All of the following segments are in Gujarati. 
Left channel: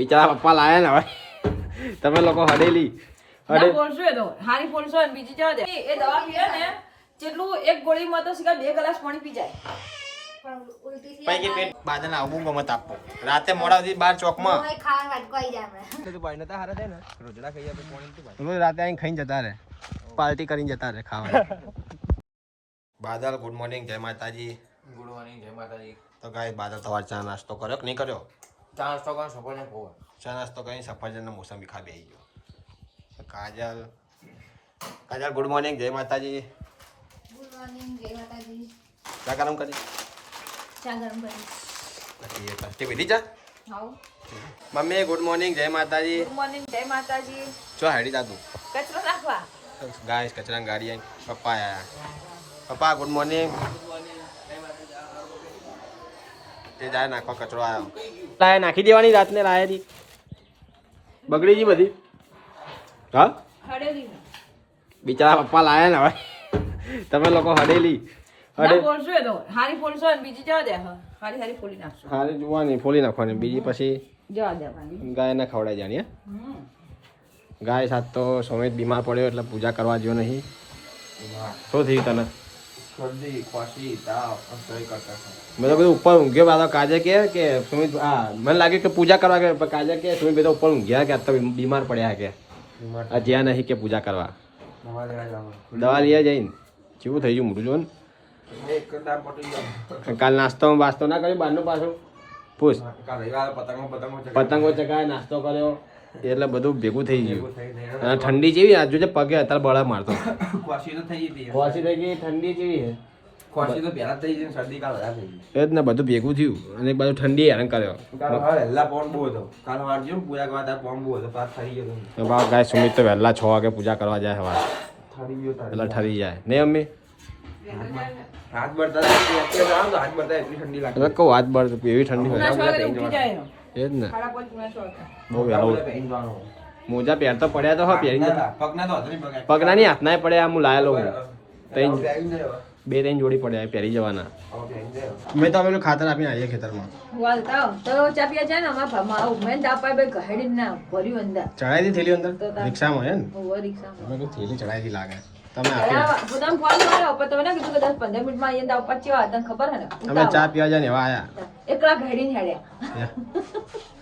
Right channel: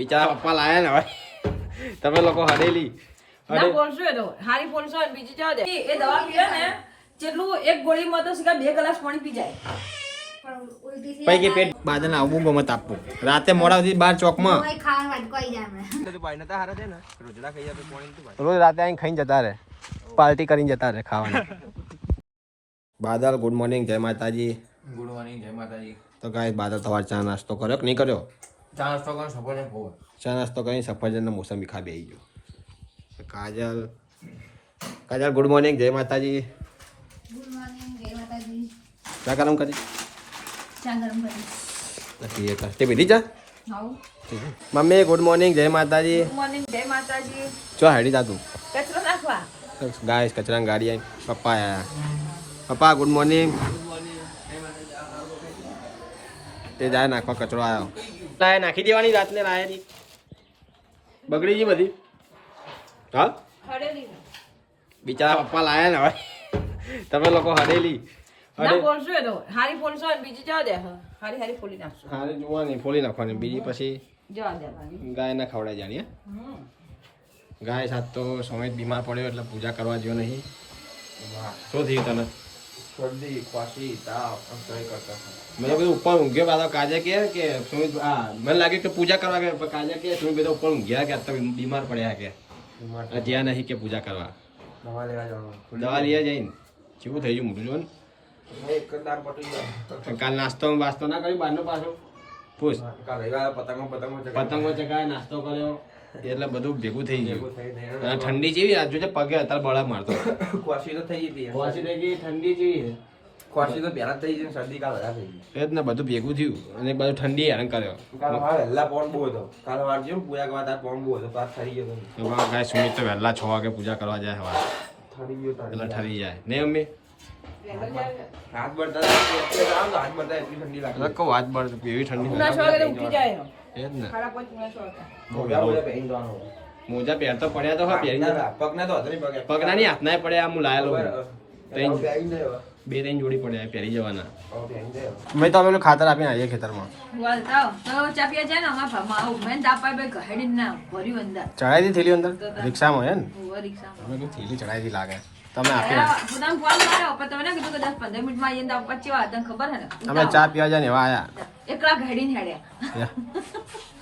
બિચારા પપ્પા લાયા ને હવે તમે લોકો હડેલી ના બોલશો એ તો હારી બોલશો બીજી જવા દે એ દવા પીએ ને જેટલું એક ગોળીમાં તો સીધા 2 ગ્લાસ પાણી પી જાય પછી કે પેટ બાદન આવું ગમે તાપવું રાતે મોડા સુધી 12 ચોકમાં રોજ રાતે આવીને ખાઈને જતા રહે પાર્ટી કરીને જતા રહે ખાવાની બાદલ ગુડ મોર્નિંગ જય માતાજી ગુડ મોર્નિંગ જય માતાજી. તો ગાય બાદલ તમારે ચા નાસ્તો કર્યો કે નહીં કર્યો? ચા નાસ્તો કરો સફરજન ખોવા. ચા નાસ્તો કરીને સફરજનનો મોસંબી ખા બેસી ગયો. કાજલ ગુડ મોર્નિંગ જય માતાજી. ગુડ મોર્નિંગ જય માતાજી. ચા ગરમ કરી ચા ગરમ કરી નથી તે પીધી ચા? હાઉ મમ્મી ગુડ મોર્નિંગ જય માતાજી. ગુડ મોર્નિંગ જય માતાજી. ચો હેડી જા તું કચરો નાખવા ગાય કચરાની ગાડી આવી પપ્પા આયા પપ્પા ગુડ મોર્નિંગ તે જાય નાખવા કચરો આવ્યો લાય નાખી દેવાની રાતને લાયેલી બગડી ગઈ બધી હા હડેલી બિચારા પપ્પા લાયા ને હવે તમે લોકો હડેલી ના બોલશો એ તો હારી બોલશો બીજી જવા દે હારી ફોડી નાખશો હારી જોવાની ફોલી નાખવાની બીજી પછી જવા દે ગાયને ખવડાવી જાણી ગાય સાથ તો સમય બીમાર પડ્યો એટલે પૂજા કરવા જેવો નહીં શું થયું તને? શરદી ખાંસી તાવ અંસળી કરતા મેં તો બધું ઉપર ઊંઘ્યો પાછો કાજે કે સુમિત હા મને લાગ્યું કે પૂજા કરવા કે કાજે કે સુમિત બધા ઉપર ઊંઘ્યા કે તો બીમાર પડ્યા કે આ જ્યાં નહીં કે પૂજા કરવા દવા લેવા જવાનું. દવા લઈ જઈને કેવું થઈ ગયું મોટું જો ને એક દામ પટી ગયો. કાલ નાસ્તો વાસ્તો ના કર્યો બહારનો પાછો પૂછ કાલ રવિવારે પતંગો પતંગો ચગાવ્યા નાસ્તો કર્યો એટલે બધું ભેગું થઈ ગયું થઈ ગઈ. અને ઠંડી જેવી આજુ જે પગે અત્યારે બળા મારતો ખાંસી તો થઈ ગઈ. ખોસી થઈ ગઈ ઠંડી જેવી ખાંસી તો પહેલા જ થઈ ગઈ, શરદી કાલ વધારે થઈ ગઈ. એ જ ને બધું ભેગું થયું અને બધું ઠંડી હેરાન કર્યો કાલ સવારે વહેલા પવન બહુ હતો. કાલ સવારે જેવું પૂજા કરવા ત્યારે પવન બહુ હતો. તાર ઠરી ગયો તો. તો બાપ ગાય સુમિત તો વહેલા 6 વાગે પૂજા કરવા જાય હવા ઠરી ગયો તાર. એટલે ઠરી જાય નહીં અમ્મી હાથ બળતા હાથ બળતા એટલી ઠંડી લાગે. એટલે કહું હાથ બળ એવી ઠંડી હોય ઉઠી જાય એનો એ જ ને સાડા 5 વાગે બહુ મોજા વહેલું બોલે પહેરીને જવાનું. મોજા પહેરતો પડ્યા તો હા પહેરીને જતા. પગના તો હાથ નહીં પગાય. પગના નહીં હાથના પડ્યા હું લાયેલો હું ત્રણ પહેરીને જાય હવે. 2-3 જોડી પડ્યા એ પહેરી જવાના હવે પહેરીને જાય હવે. મેં તો અમે લોકો ખાતર આપીને આવીએ ખેતરમાં વાલતા તો ચાપિયા છે ને અમાર મારું મેં દાપાય બે ઘડી ના ભર્યું અંદર ચડાવી દી થેલી અંદર રિક્ષામાં હે ને ઓવર રિક્ષા તમે કોઈ થેલી ચડાવી દી લાગે તમે આપી દો. પોતાનો ફોન કર્યો પણ તમે કીધું કે 10-15 મિનિટમાં આવીને દાવ પચવા તને ખબર હે ને અમે ચા પીવા જાય ને એવા આયા એકલા ઘડીને હેડ્યા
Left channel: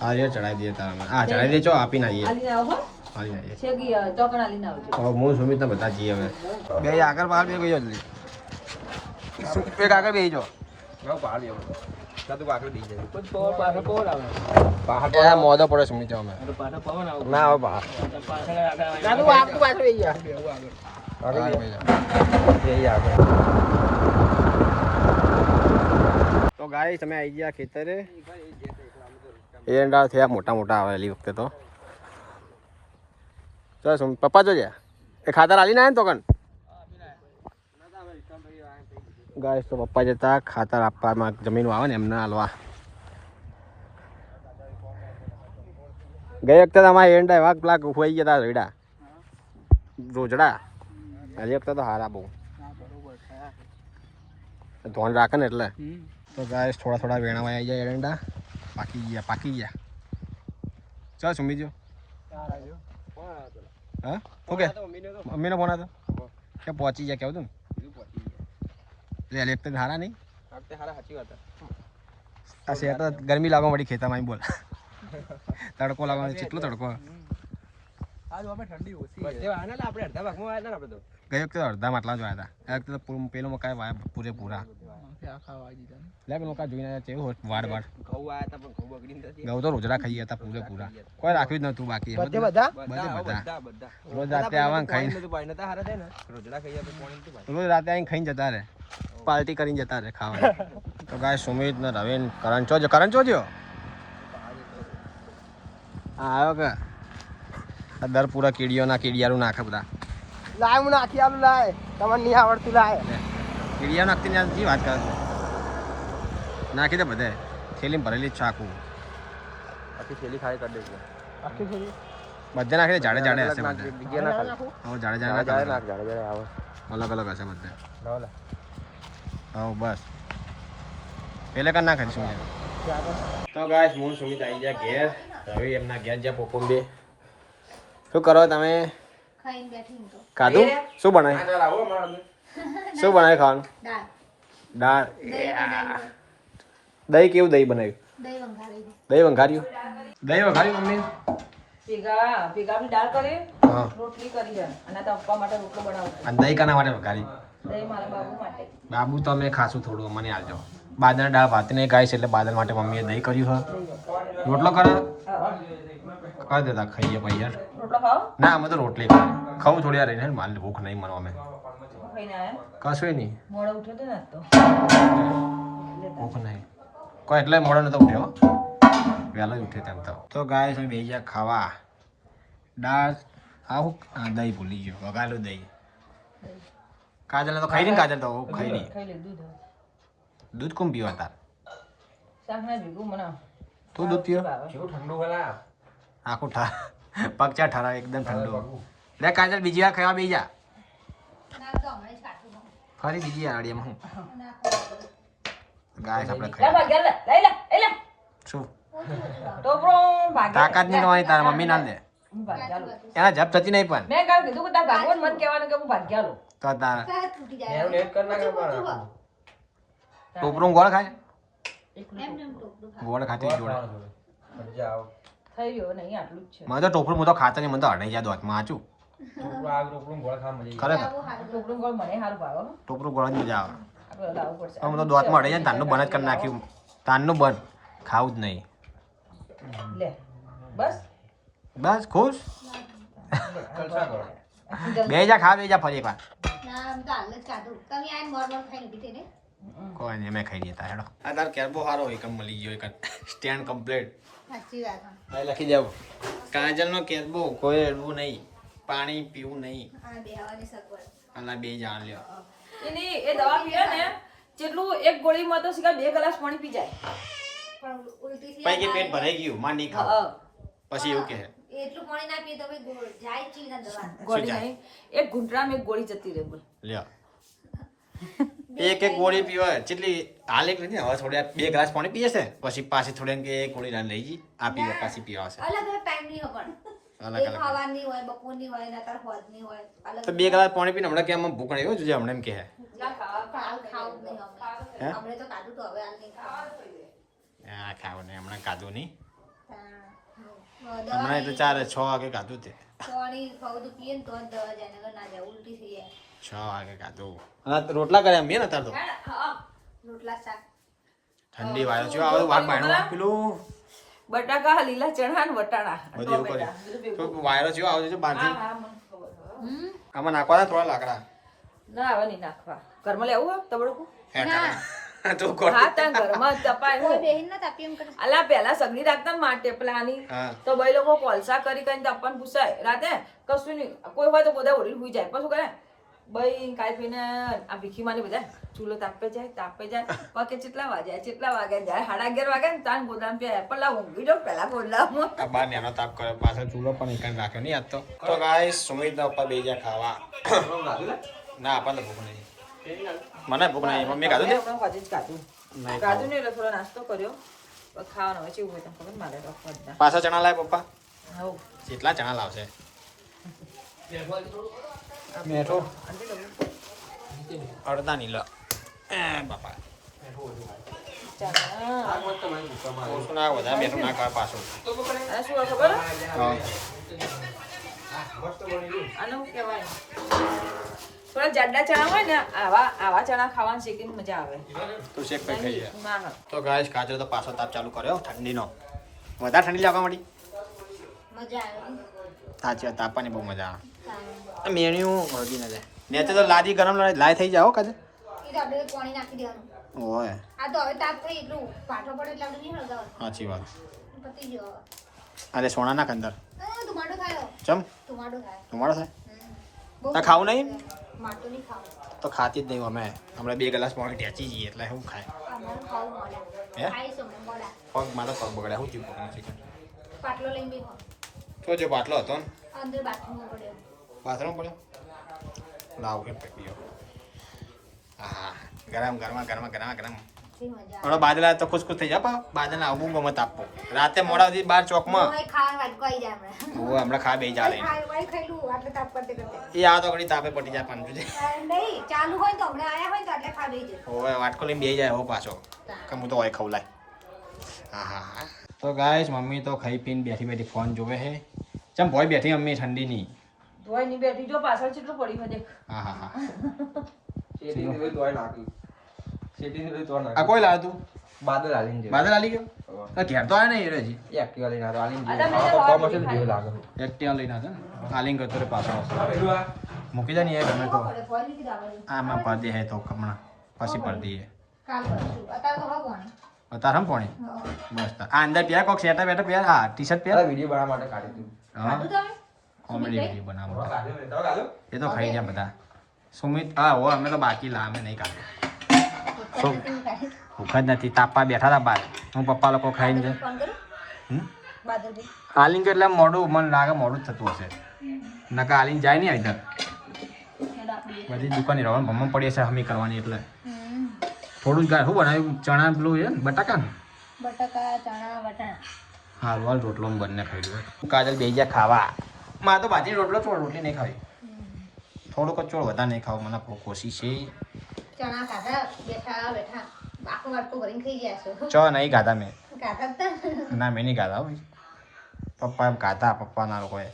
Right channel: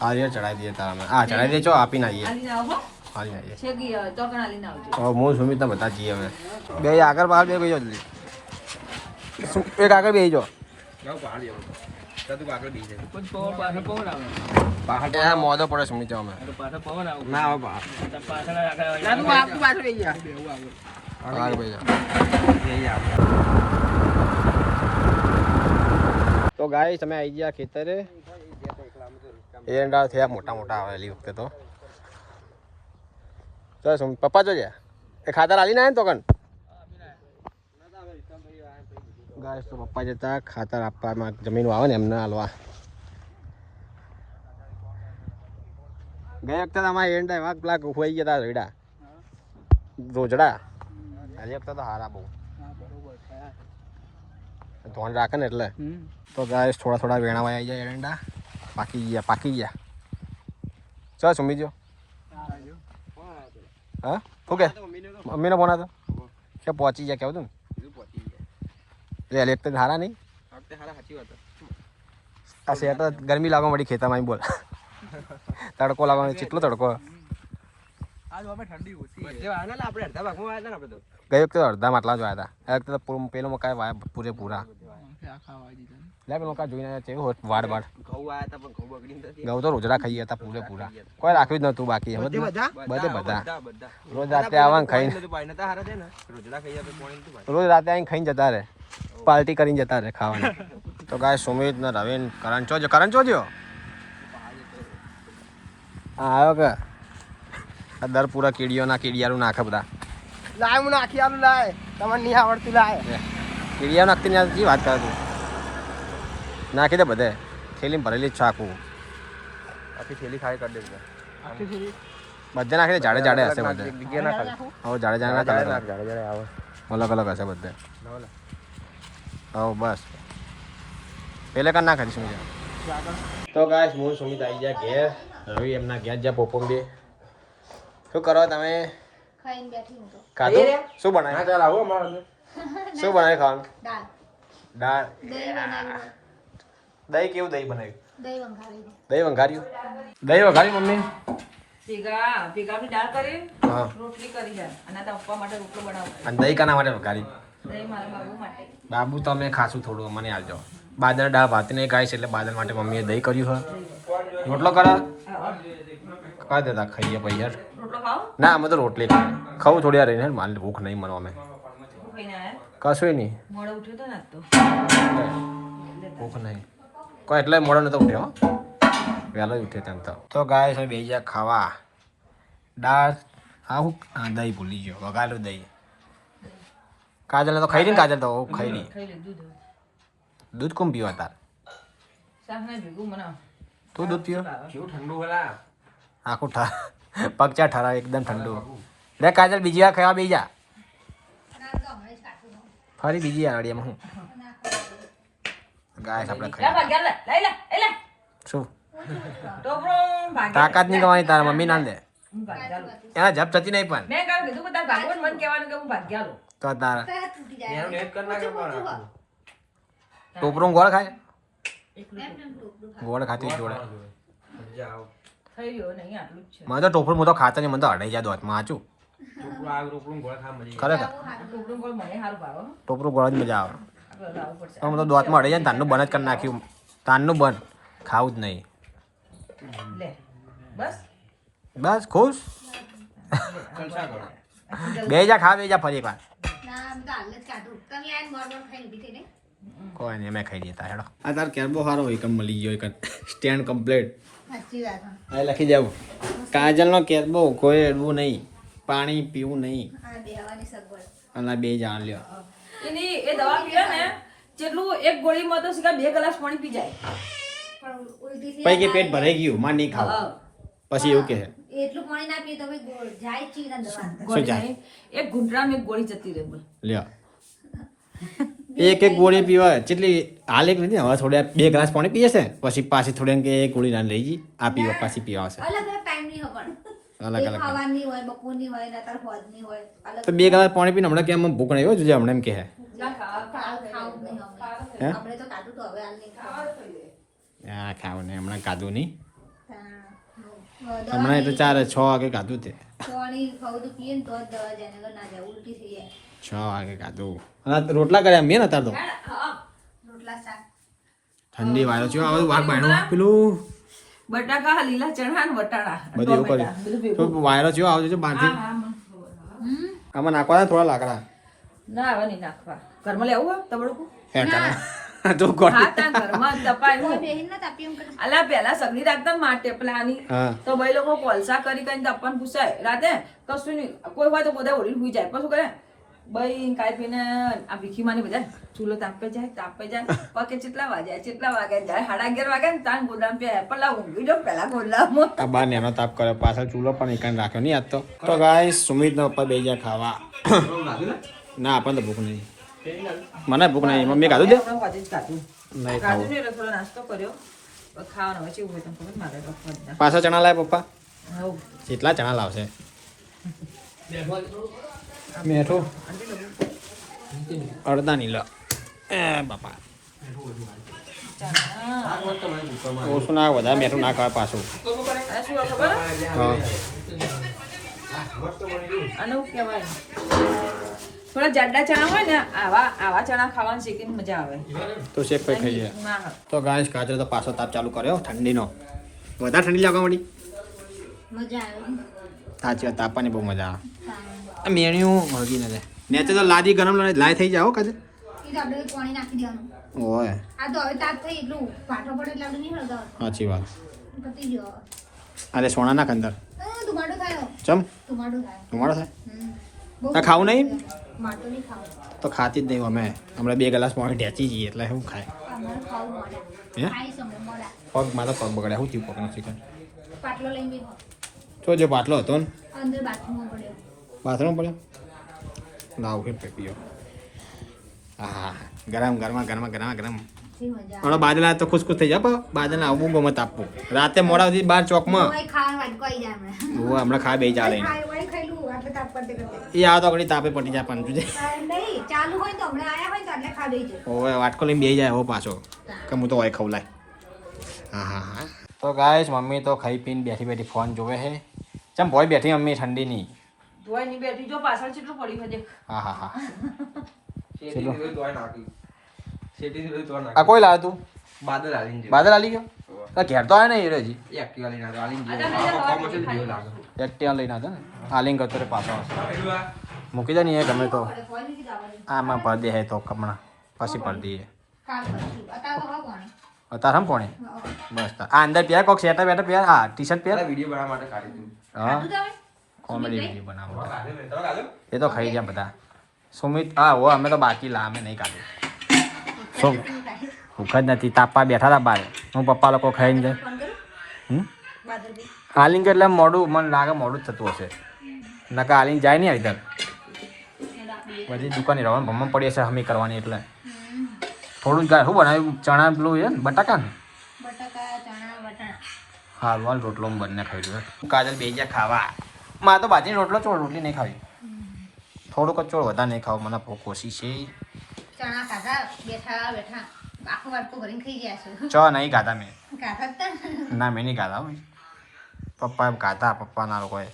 હા એ ચડાવી દઈએ તારા અમે હા ચડાવી દેજો આપીને આવીએ આલીને આવો હો આવીને આવીએ છે કે ચોકણ આલીને આવજો હવે હું સુમિત ને બધા જઈએ હવે બે આગળ બહાર બે ગયો જલ્દી એક આગળ બેસી જાઓ હું પહાડ જેવો. જા તું આગળ બેસી જાય. એ મોદો પડે સુમિત જાઓ અમે ના હવે બહાર આગળ બેસી જાઓ તો ગાય તમે આવી ગયા ખેતરે એરંડા થયા મોટા મોટા આવેલી વખતે તો ચાલ સુમિત પપ્પા જોજે એ ખાતર આલી ના ને તો કણ ગાય તો પપ્પા જતા ખાતર આપવામાં જમીન આવે ને એમને હાલવા ગઈ વખતે અમારે એરંડા એવા પેલા હોઈ ગયા હતા રોજડા હજી વખતે તો હારા બહુ ધોન રાખે ને એટલે તો ગાય થોડા થોડા વેણાવા આવી જાય એરંડા પાકી ગયા ચાલ સુમી જો હા શું કે મમ્મીનો ફોન હતો કે પહોંચી ગયા કેવું તું ને એટલે એક તો હારા નહીં આ શેર તો ગરમી લાગવા મળી ખેતરમાં બોલ તડકો લાગવાનો કેટલો તડકો ગઈ વખતે અડધા માટલા જ વાયા હતા આ વખતે તો પેલો મકાઈ વાયા પૂરેપૂરા લે મકા જોઈને કેવું હોત વાડ ઘઉં આયા હતા પણ ઘઉં બગડી નથી. ઘઉં તો રોજડા ખાઈ હતા પૂરેપૂરા કોઈ રાખ્યું જ નતું બાકી બધા રોજ રાતે આવવાનું ખાઈને રોજડા ખાઈ તો પાણી નતું ભાઈ. રોજ રાતે આવીને ખાઈને જતા રહે પાર્ટી કરીને જતા રહે ખાવાની તો ગાય સુમિત ને રવિન કરણ ચો જો હા આવ્યો કે આ દર પૂરા કીડિયારું નાખે બધા લાય મને આખી આલું લાય તમને નહીં આવડતી લાય. કીડિયારું નાખતી ને યાર વાત કરે તું નાખી દે બધે થેલીમાં ભરેલી જ છે આખું આખી થેલી ખાઈ કરી દે. બધે નાખી દે જાડે જાડે હશે બધે હવે જાડે જાડે ના કલર અલગ અલગ હશે બધે હવે બસ પેલે કર ના ખાલી સુમિત તો ગાય હું સુમિત આવી જાય ઘેર રવિ એમના ઘેર જ્યાં પોપમ બે શું કરો તમે ખાઈને બેઠી હું તો ખાધું શું બનાવ્યું હા ચાલ આવો અમારા અંદર. શું બનાવ્યું ખાવાનું દાળ દાળ દહીં બનાવ્યું દહીં કેવું દહીં બનાવ્યું દહીં વંઘારી દહીં વઘાર્યું દહીં વઘાર્યું મમ્મી ભેગાની દાળ કરી હા રોટલી કરી છે અને આ પપ્પા માટે રોટલો બનાવું અને દહીં કાના માટે વઘારી દહીં મારા બાબુ માટે બાબુ તો અમે ખાશું થોડું મને આવજો બાદરના દાળ ભાતને ગાય છે એટલે બાદર માટે મમ્મીએ દહીં કર્યું હા રોટલો કરો કહી દેતા ખાઈએ પછી યાર રોટલો ખાઓ ના અમે તો રોટલી ખાવું થોડી વાર રહીને મારે ભૂખ નહીં મને અમે ખાઈને આયા કશું નહીં મોડો ઉઠ્યો તો ને તો ભૂખ નહીં કોઈ એટલે મોડો નતો ઉઠ્યો વહેલો જ ઉઠ્યો તેમ તો ગાય છે બે ગયા ખાવા દાળ આવું દહીં ભૂલી ગયો વઘારેલું દહીં કાજલ તો ખાઈ ને કાજલ તો ખાઈ લી ખાઈ લે દૂધ દૂધ કોણ પીવા તાર શાકના ભેગું બનાવ તું દૂધ પીવો કેવું ઠંડુ હલા આખું પગચા ઠરા એકદમ ઠંડુ લે કાજલ બીજી વાર ખાવા બેસી જા ના તો હમણાં જ કાઢું દઉં. ફરી બીજી આડીએમાં હું ના ખાવા ગાય આપણે લે ખાઈ ભાગ્યા લે લઈ લે શું ટોપરો ભાગ્યા તાકાત નહીં કમાવાની તારા મમ્મી ના દે હું ભાગ્યા લો એના જપ થતી નહીં પણ મેં કાલ કીધું કે તાર ભાગવત મન કહેવાનું કે હું ભાગ્યા લો તો તારા પેટ તૂટી જાય એનું નેટ કરી નાખે પણ આખું. ટોપરું ગોળ ખાય એમ નેમ ટોપલું ખાય. ગોળ ખાતી જોડે મજા આવ થઈ ગયો નહીં આટલું જ છે મને તો ટોપરું હું તો ખાતા નહીં મને તો અડાઈ જાય દોતમાં આચું રોટલું આવ રોટલું ગોળ ખા મજા ખરેખર ટોપરું ગોળ મને સારું ભાવે હો. ટોપરું ગોળ જ મજા આવે આપણે લાવવું પડશે અમે તો દોતમાં અડાઈ જાય ને તારનું બંધ જ કરી નાખ્યું તારનું બંધ ખાવું જ નહીં લે બસ બસ ખુશ જલસા કરો બે જા ખા બે જા ફરી એકવાર ના અમે તો હાલ જ કાઢું તમે આઈને મોર મોર ખાઈને ઊભી થઈને કોઈ નહીં અમે ખાઈ લેતા હેડો આ તાર કેરબો સારો હોય કમ મળી ગયો એક સ્ટેન્ડ કમ્પ્લીટ સાચી વાત હા. આ લખી જાવ કાજલનો કેરબો કોઈ અડવું નહીં પાણી પીવું નહીં આ બેહવાની સગવડ અને બે જાણ લ્યો એની એ દવા પીવે ને જેટલું એક ગોળીમાં તો સીધા 2 ગ્લાસ પાણી પી જાય પણ ઉલટી થી પછી કે પેટ ભરાઈ ગયું માં નહીં ખાવું પછી એવું કહે એટલું પાણી ના પીએ તો ભાઈ ગોળ જાય જ છે ના દવા ગોળી જાય? નહીં, એક ઘૂંટરામાં એક ગોળી જતી રહે બોલ લ્યો એક ગોળી પીવા જેટલી હાલ એક નથી હવે થોડા 2 ગ્લાસ પાણી પીએ છે પછી પાછી થોડી કે એક ગોળી ના લઈ જઈ આ પીવા પાછી પીવા આવશે અલગ અલગ ટાઈમ ની ખબર અલગ અલગ ખાવાની હોય બપોરની હોય નતર હોજની હોય અલગ તો 2 ગ્લાસ પાણી પીને હમણાં કે આમ ભૂખ નહીં હોય જોઈએ હમણાં એમ કહે ના ખાવું જ નહીં હે? આપણે તો કાઢું તો હવે હાલ નહીં ખાવાનું હા ખાવું નહીં હમણાં ખાધું નહીં હા. હમણાં એટલે 4-6 વાગે ખાધું તે પાણી ખાવું તો પીએ ને તો જ દવા જાય નકર ના જાય ઉલટી થઈ જાય 6 વાગે ખાધું હા રોટલા કર્યા મેં નતા તો રોટલા શાક ઠંડી વાયો છે આ વાઘ બાયણું પેલું બટાકા લીલા ચણા ને વટાણા બધું એવું કર્યું તો વાયરો છે આવજો છે બહારથી આમાં નાખવાના થોડા લાકડા ના હવે નહીં નાખવા ઘરમાં લેવું હોય તબડકું હે કરવા તો કોણ હા ત્યાં ઘરમાં તપાય કોઈ હું બેહીન ના તાપી એમ કરે અલા પહેલા સગડી રાખતા ને માટે પેલાની હા તો ભાઈ લોકો કોલસા કરી કરીને તપવાનું પૂછાય રાતે કશું નહીં કોઈ હોય તો બધા ઓળી હુઈ જાય પછી કરે ભાઈ કાંઈ પીને આ ભીખીમાની બધા ચૂલો તાપે જાય પકે કેટલા વાગે જાય 11:30 વાગે ને તાન ગોદામ પે પેલા ઊંઘી જાઉં પેલા ગોદામમાં આ બાર નેનો તાપ કરે પાછળ ચૂલો પણ એકણ રાખ્યો નહીં આજ તો ગાઈસ સુમિતના ઉપર બે જા ખાવા ના આપણને તો ભૂખ નહીં મને ભૂખ નહીં મમ્મી ખાધું છે હજી જ કાઢું નહીં કાઢું ખાવું ને એટલે થોડો નાસ્તો કર્યો પછી ખાવાનો હવે કેવું હોય તમને ખબર મારે તો ખબર પાછા ચણા લાય પપ્પા હવ કેટલા ચણા લાવશે મેઠું અડધા નહીં લો એ બાપા ઓછું ના વધારે મેઠું ના ખાવા પાછું આ શું હોય ખબર હા આને શું કહેવાય થોડા જાડા ચણા હોય ને આવા ચણા ખાવાની શેકીને મજા આવે તો શેક પૈ ખાઈએ ના ના તો ગાઈસ કાચરે તો પાછો તાપ ચાલુ કર્યો ઠંડીનો વધારે ઠંડી લાગવા મળી મજા આવે સાચી વાત તાપવાની બહુ મજા આવે આ મેણ્યું હળગી નથી ને તો લાદી ગરમ લાય થઈ જાઓ કાજે એ તો આપણે પાણી નાખી દેવાનું ઓય આ તો હવે તાપ થઈ એટલું પાટો પડે એટલે આપણે નહીં હળગાવ સાચી વાત પતી ગયો અરે સોના નાખ અંદર ધુમાડો થાય ચમ ધુમાડો થાય તમારો થાય બહુ તા ખાવું નહીં માટો નહીં ખાવું તો ખાતી જ નહીં અમે હમણાં 2 ગ્લાસ પાણી ઢેચી જઈએ એટલે શું ખાય અમારે ખાવું મળે હે ખાઈ સમય મળે પગ મારો પગ બગડ્યા શું થયું પગનું ચિકન પાટલો લઈને જઈ તો જે બાટલો હતો ને અંદર બાથરૂમમાં પડ્યો બાથરૂમ પડ્યો લાવ કે પીયો હા ગરમ ગરમ ગરમ ગરમ ગરમ જી મજા હમણાં બાદલા તો ખુશ ખુશ થઈ જાય પણ બાદલા આવું ગમે તાપવું રાતે મોડા સુધી બાર ચોકમાં ઓય ખાવાનું વાટકો આવી જાય હમણાં. હું હમણાં ખા બે ચાલે ઓય ખાઈલું આટલે તાપ પડતે કરતે. એ આવે તો ઘણી તાપે પડી જાય પાંચું છે નહીં ચાલુ હોય તો હમણાં આયા હોય તો એટલે ખા બેસી જાય. હવે વાટકો લઈને બે જાય હવે પાછો કે હું તો હોય ખવલાય હા હા હા તો ગાઈસ મમ્મી તો ખાઈ પીને બેઠી બેઠી ફોન જોવે છે ચમ ભોય બેઠી મમ્મી ઠંડી ની ધોઈ ની બેઠી જો પાછળ કેટલું પડી છે દેખ. હા હા હા શેટી સુધી તોય નાખી. શેટી સુધી તોય આ નાખી. કોઈ લાવ્યું તું બાદલ હાલીને જાય. બાદલ આલી ગયો તો ઘેર તો આવે ને એ હજી એ એક્ટિવા લઈને આવ્યો, હાલીને આ જાય. તમે આ કોમ હશે ને જેવું લાગે. એક્ટિવા લઈને આવતો ને આલિંગ કરતો રે પાછો આવશે પેલું આ મૂકી દે ને એ ગમે તો પડે કોઈ લીધી દાવાની. આમાં ભર દે હે તો કમણા પછી ભર દઈએ કાલ કરશું. અત્યારે તો હવે કોણ? તારે હમ પોણે બસ આ અંદર પહેર કોક સેટા બેટા પહેર હા ટી શર્ટ પહેર પેલા વિડીયો બનાવવા માટે કાઢી દીધું. હા ખાધું તમે? કોમેડી વિડીયો બનાવવા માટે કાઢી તમે કાઢો. એ તો ખાઈ ગયા બધા સુમિત હા હો અમે તો બાકી લા અમે નહીં કાઢ્યું અત્યારે તમે ખાઈ. ભૂખ જ નથી તાપવા બેઠા હતા બહાર હું પપ્પા લોકો ખાઈને જાય ફોન કરું? હમ બાદલભાઈ. આલિંગ એટલે મોડું મને લાગે મોડું જ થતું હશે નકા આલિંગ જાય નહીં ઇધર બધી દુકાને રહેવાનું ભમણ પડી હશે હમી કરવાની એટલે થોડું જ શું બનાવ્યું ચણા પેલું છે ને બટાકા ને બટાકા ચણા વટાણા. હાલ વાલ રોટલો બંને ખાઈ ગયો કાજલ બે ગયા ખાવા મારે તો બાજરી રોટલો ચોળ રોટલી નહીં ખાવી થોડુંક જ ચોળ વધારે નહીં ખાવું મને કોશિશ છે ચણા ખાધા બેઠા બેઠા આખું વાટકો ભરીને ખાઈ ગયા છો. ચો નહીં ખાધા મેં ખાધા જ તા. ના મેં નહીં ખાધા ભાઈ પપ્પા એમ ખાધા પપ્પાના લોકોએ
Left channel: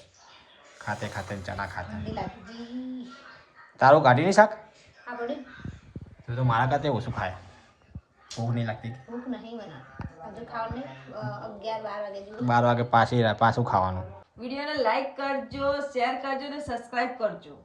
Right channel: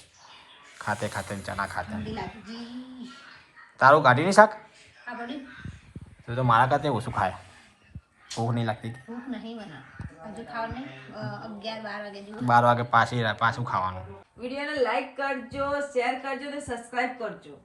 ખાતે ખાતે ચણા ખાતે ઠંડી લાગી જી. તારું કાઢી નહીં શાક આ પડ્યું? તું તો મારા કરતે ઓછું ખાય ભૂખ નહીં લાગતી ભૂખ નહીં મને હજુ ખાવાનું નહીં. 11-12 વાગે જેવું. 12 વાગે પાછું ખાવાનું વિડીયોને લાઈક કરજો, શેર કરજો ને સબસ્ક્રાઇબ કરજો.